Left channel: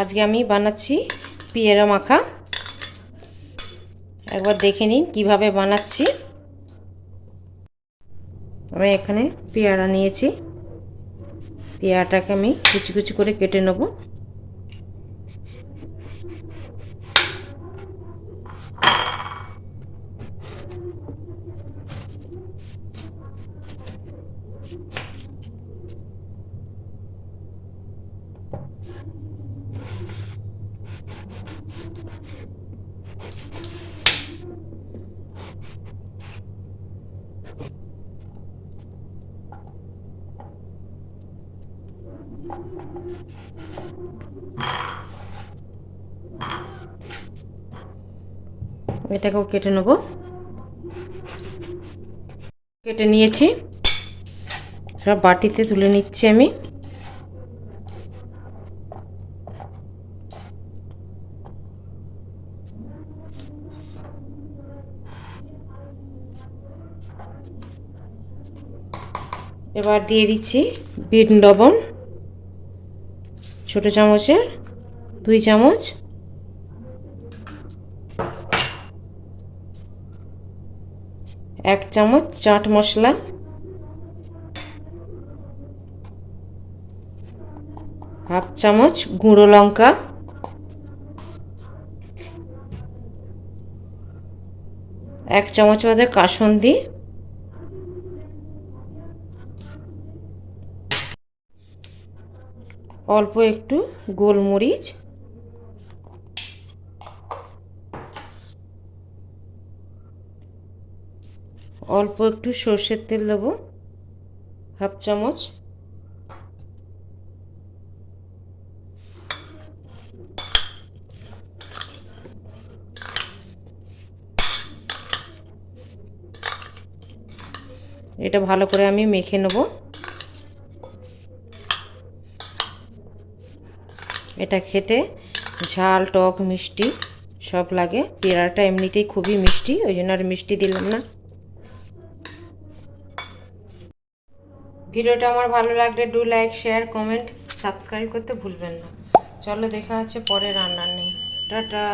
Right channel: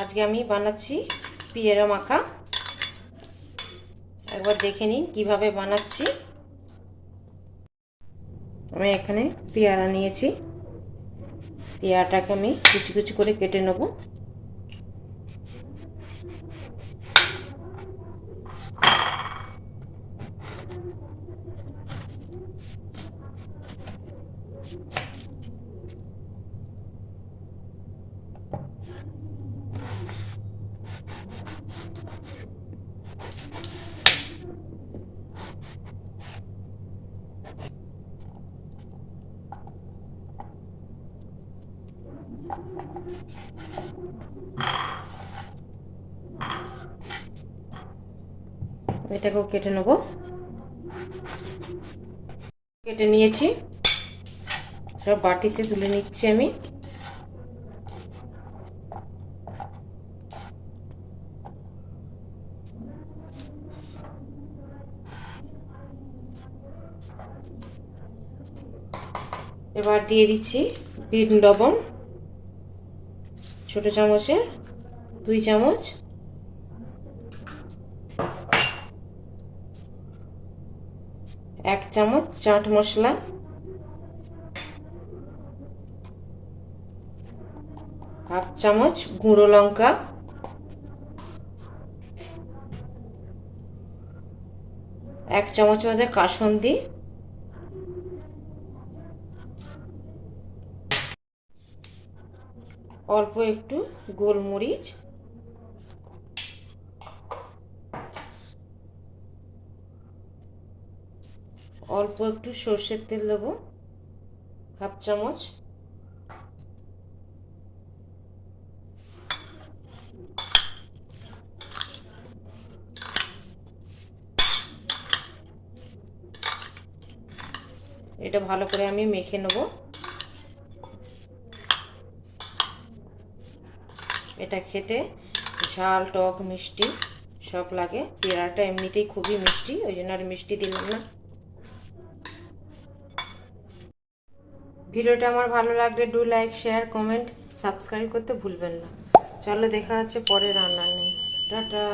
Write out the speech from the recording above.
আজকে আমি বানাচ্ছি পেয়ারা মাখা। একবার দেখে নিন কিভাবে বানাচ্ছি। আমি এখানে পেয়ারা নিয়েছি, পেয়ারাটাকে আমি কুচি কুচি করে কেটে নেব। এটাকেও কেটে নেব। কেটে নিয়েছি, সব বাটিতে তুলে নিচ্ছি আমি। এবার দিয়ে দিচ্ছি বিট লবণ, ছোট চামচের 2 চামচ। এক চামচ চাট মশলা, হাফ চামচ গুঁড়ো লঙ্কা, এক চামচ মধ্যে কাসুন্দি, অল্প একটু গোলমরিচ, অল্প একটু সর্ষের তেল দেবো, হাফ চামচ। এটা ভালো করে আমি মেখে নেব। এটা খেতে ঝাল টক মিষ্টি সব লাগে। পেয়ারাটা এমনিতেই খুবই মিষ্টি, ওই জন্য আর মিষ্টি দিলাম না। ভিডিওটা আমার ভালো লাগলে do like share comment subscribe করতে ভুলবেন না। চলো দেখা হচ্ছে পরে রান্নার নিয়ে। টাটা।